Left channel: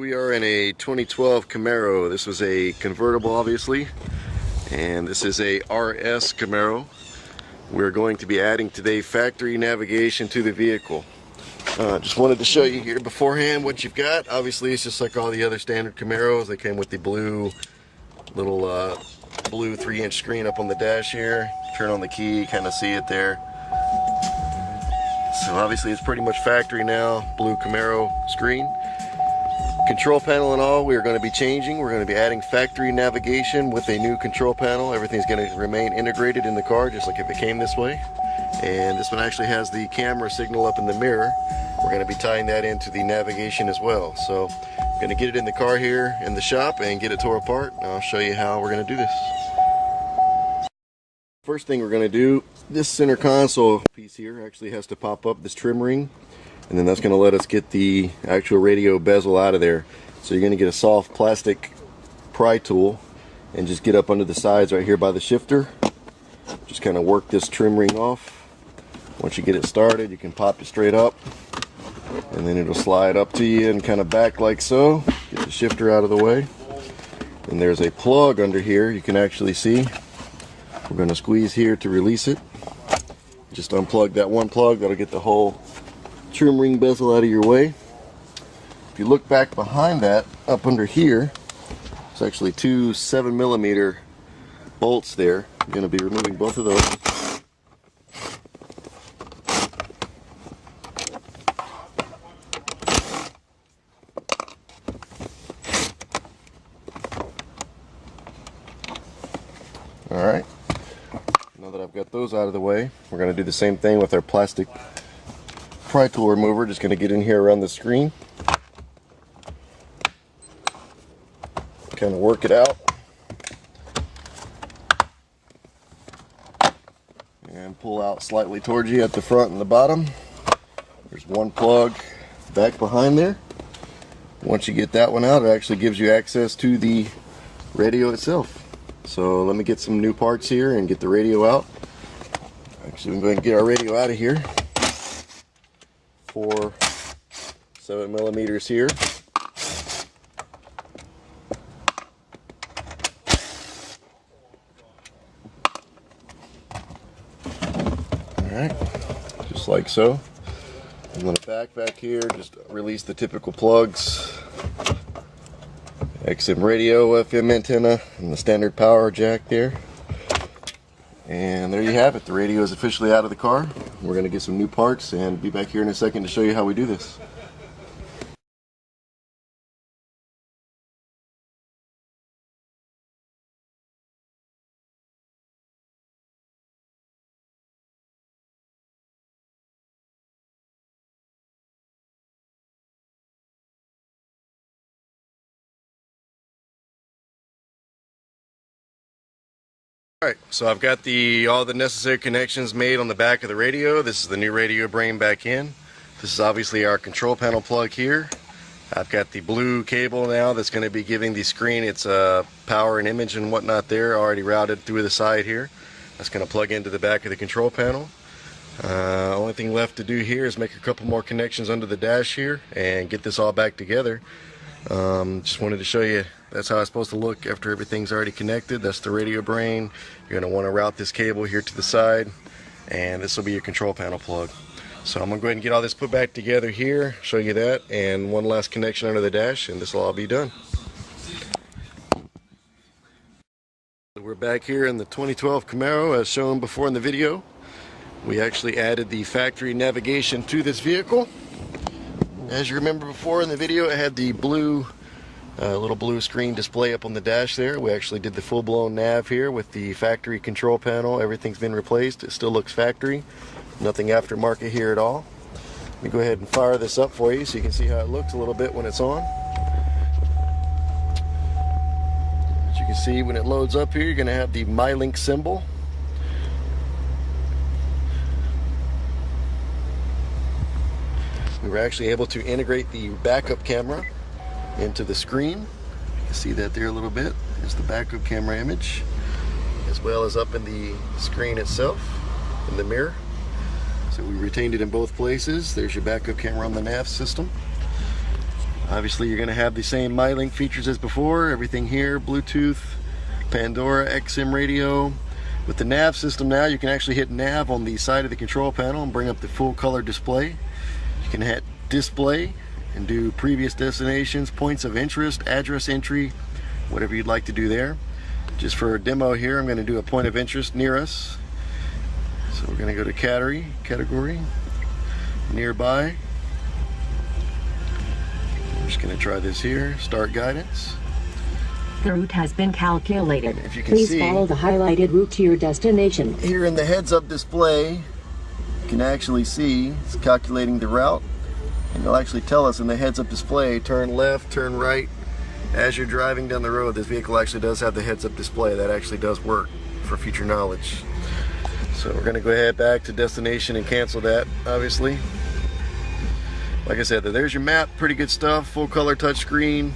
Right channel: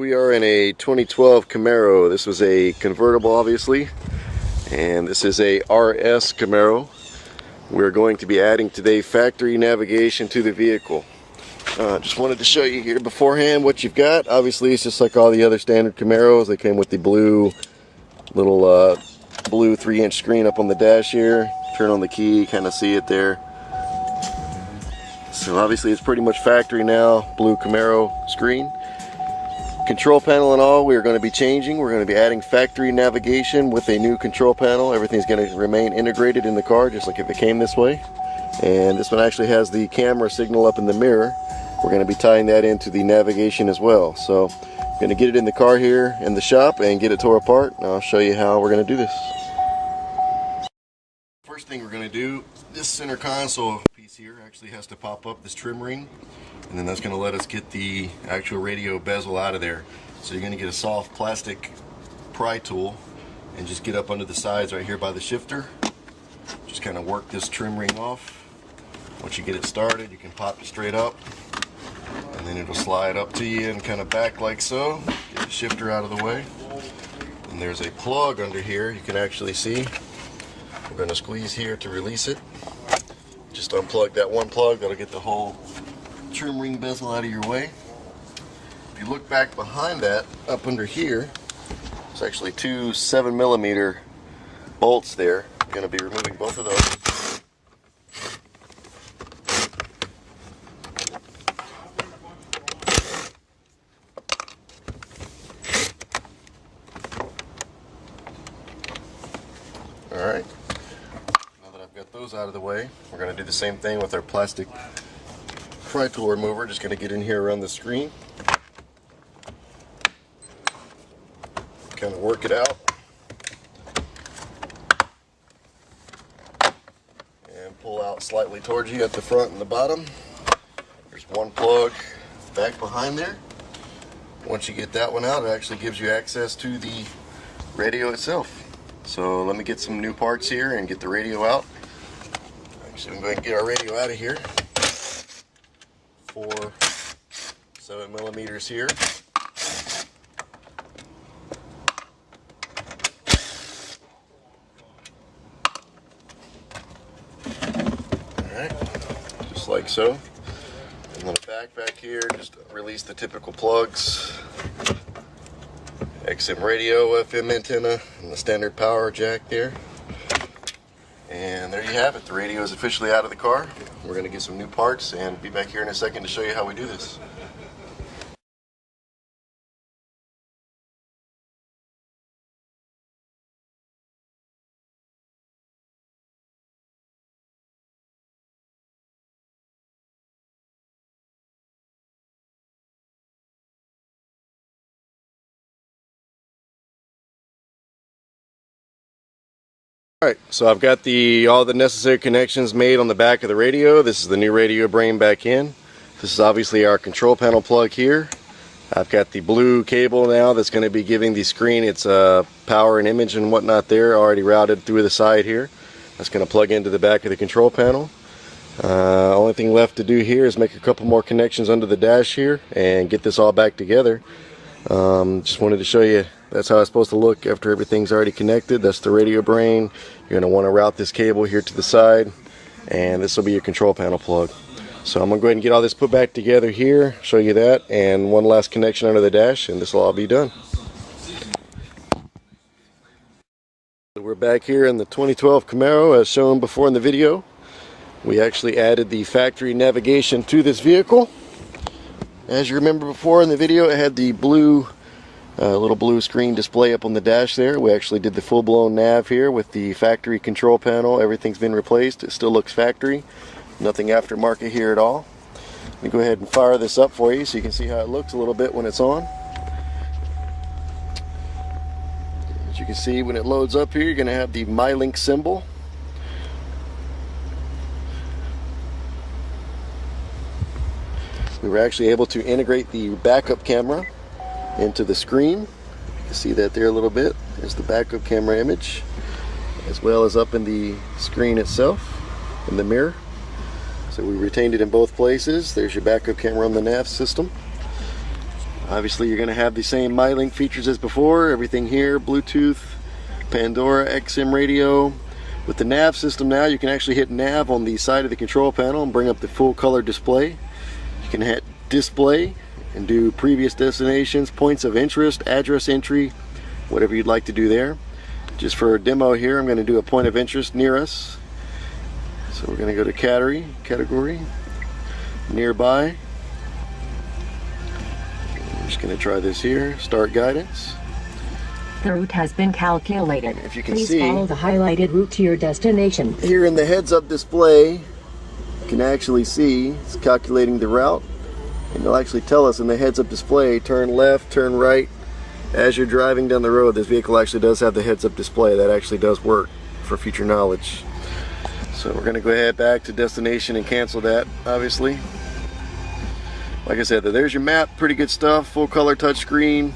We are in a 2012 Camaro. This was a convertible, obviously, and this is a RS Camaro. We're going to be adding today factory navigation to the vehicle. Just wanted to show you here beforehand what you've got. Obviously, it's just like all the other standard Camaros. They came with the blue little blue 3-inch screen up on the dash here. Turn on the key, kind of see it there. So obviously, it's pretty much factory now. Blue Camaro screen. Control panel and all, we are going to be changing. We're going to be adding factory navigation with a new control panel. Everything's going to remain integrated in the car, just like if it came this way. And this one actually has the camera signal up in the mirror. We're going to be tying that into the navigation as well. So, going to get it in the car here in the shop and get it tore apart. And I'll show you how we're going to do this. First thing we're going to do, this center console piece here actually has to pop up this trim ring. And then that's going to let us get the actual radio bezel out of there. So you're going to get a soft plastic pry tool and just get up under the sides right here by the shifter. Just kind of work this trim ring off. Once you get it started, you can pop it straight up, and then it'll slide up to you and kind of back like so. Get the shifter out of the way. And there's a plug under here you can actually see. I'm going to squeeze here to release it. Just unplug that one plug, that'll get the whole trim ring bezel out of your way. If you look back behind that, up under here, it's actually two 7mm bolts there. You're going to be removing both of those. Alright, now that I've got those out of the way, we're going to do the same thing with our plastic pry tool remover. Just going to get in here around the screen, kind of work it out, and pull out slightly towards you at the front and the bottom. There's one plug back behind there. Once you get that one out, it actually gives you access to the radio itself. So let me get some new parts here and get the radio out. Actually, I'm going to get our radio out of here. 4 7mm here. Alright, just like so. I'm going to back here, just release the typical plugs. XM radio, FM antenna, and the standard power jack there. And there you have it. The radio is officially out of the car. We're going to get some new parts and be back here in a second to show you how we do this. Alright, so I've got all the necessary connections made on the back of the radio. This is the new radio brain back in. This is obviously our control panel plug here. I've got the blue cable now that's going to be giving the screen its power and image and whatnot there, already routed through the side here. That's going to plug into the back of the control panel. Only thing left to do here is make a couple more connections under the dash here and get this all back together. Just wanted to show you that's how it's supposed to look after everything's already connected. That's the radio brain. You're going to want to route this cable here to the side, and this will be your control panel plug. So I'm going to go ahead and get all this put back together here, show you that, and one last connection under the dash, and this will all be done. We're back here in the 2012 Camaro as shown before in the video. We actually added the factory navigation to this vehicle. As you remember before in the video, it had the little blue screen display up on the dash there. We actually did the full-blown nav here with the factory control panel. Everything's been replaced. It still looks factory. Nothing aftermarket here at all. Let me go ahead and fire this up for you so you can see how it looks a little bit when it's on. As you can see, when it loads up here, you're going to have the MyLink symbol. We were actually able to integrate the backup camera into the screen. You can see that there a little bit. There's the backup camera image, as well as up in the screen itself, in the mirror. So we retained it in both places. There's your backup camera on the nav system. Obviously you're going to have the same MyLink features as before. Everything here, Bluetooth, Pandora, XM radio. With the nav system now, you can actually hit nav on the side of the control panel and bring up the full color display. You can hit display and do previous destinations, points of interest, address entry, whatever you'd like to do there. Just for a demo here, I'm going to do a point of interest near us. So we're going to go to category, nearby. I'm just going to try this here, start guidance. The route has been calculated. If you can Please see, follow the highlighted route to your destination. Here in the heads-up display, you can actually see it's calculating the route, and it'll actually tell us in the heads-up display, turn left, turn right. As you're driving down the road, this vehicle actually does have the heads-up display. That actually does work for future knowledge. So we're going to go ahead back to destination and cancel that, obviously. Like I said, there's your map, pretty good stuff, full color touchscreen,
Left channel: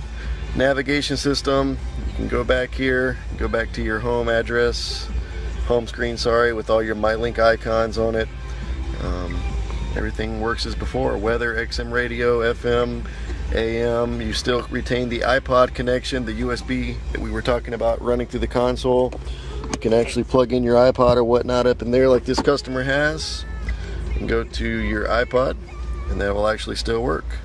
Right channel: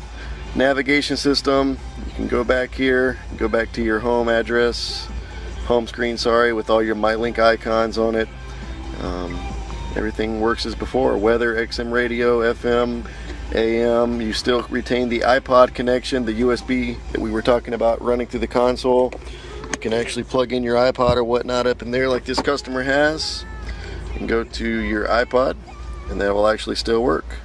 navigation system. You can go back here, go back to your home address, home screen, sorry, with all your MyLink icons on it. Everything works as before, weather, XM radio, FM, AM. You still retain the iPod connection, the USB that we were talking about running through the console. You can actually plug in your iPod or whatnot up in there like this customer has. You can go to your iPod and that will actually still work.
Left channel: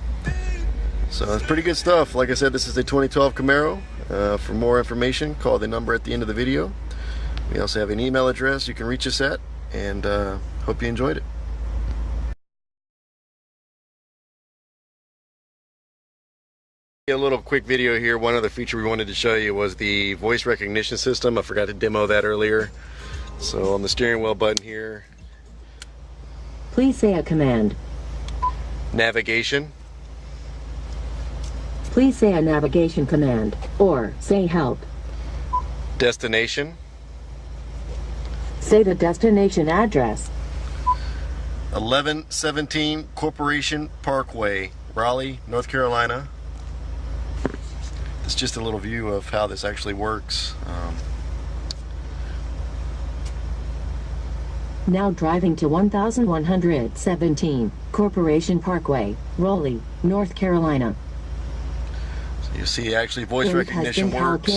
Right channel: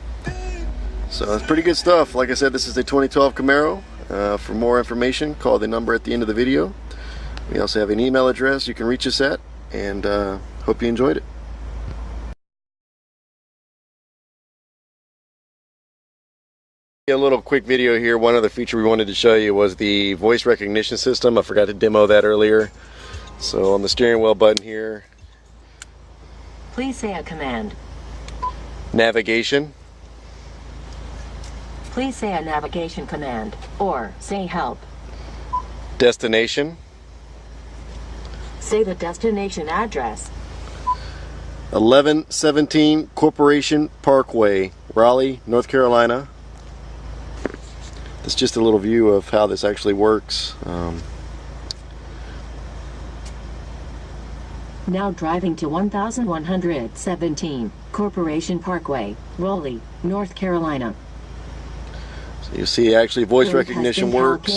So it's pretty good stuff. Like I said, this is the 2012 Camaro. For more information, call the number at the end of the video. We also have an email address you can reach us at, and hope you enjoyed it. A little quick video here. One other feature we wanted to show you was the voice recognition system. I forgot to demo that earlier. So on the steering wheel button here, Please say a command. navigation. Please say a navigation command, or say help. Destination. Say the destination address. 1117 Corporation Parkway, Raleigh, North Carolina. That's just a little view of how this actually works. Now driving to 1117 Corporation Parkway, Raleigh, North Carolina. So you see actually voice recognition works.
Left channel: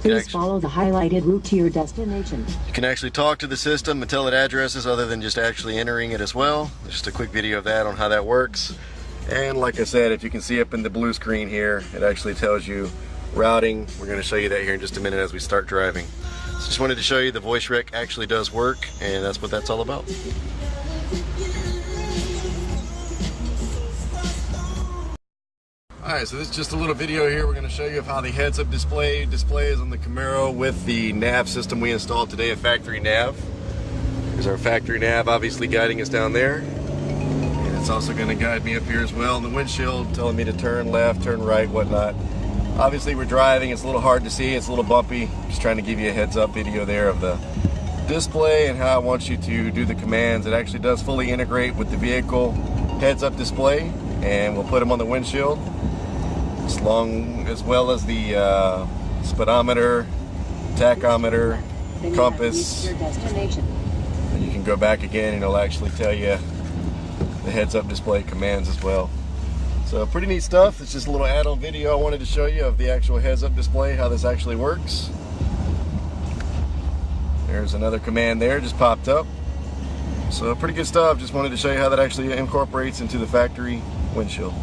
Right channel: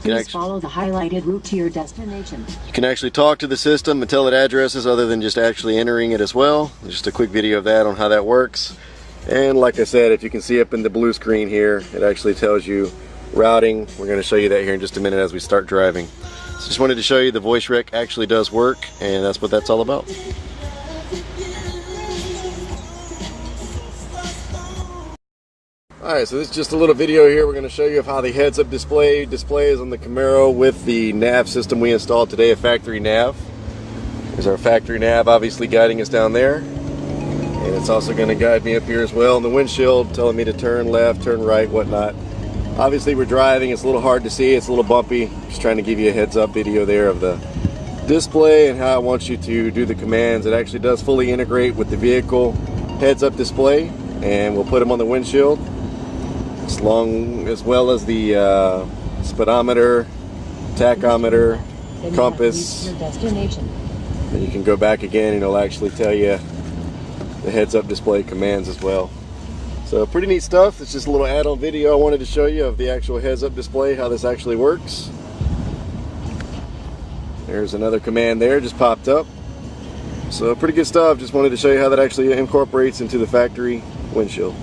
Please follow the highlighted route to your destination. You can actually talk to the system and tell it addresses other than just actually entering it as well. Just a quick video of that on how that works. And like I said, if you can see up in the blue screen here, it actually tells you routing. We're going to show you that here in just a minute as we start driving. So just wanted to show you the voice rec actually does work, and that's what that's all about. Alright, so this is just a little video here. We're going to show you of how the heads-up display displays on the Camaro with the nav system we installed today, a factory nav. There's our factory nav obviously guiding us down there. And it's also going to guide me up here as well in the windshield, telling me to turn left, turn right, whatnot. Obviously we're driving, it's a little hard to see, it's a little bumpy. Just trying to give you a heads-up video there of the display and how I want you to do the commands. It actually does fully integrate with the vehicle heads-up display, and we'll put them on the windshield, as well as the speedometer, tachometer, compass. And you can go back again and it'll actually tell you the heads-up display commands as well. So pretty neat stuff. It's just a little add-on video I wanted to show you of the actual heads-up display, how this actually works. There's another command there, just popped up. So pretty good stuff. Just wanted to show you how that actually incorporates into the factory windshield.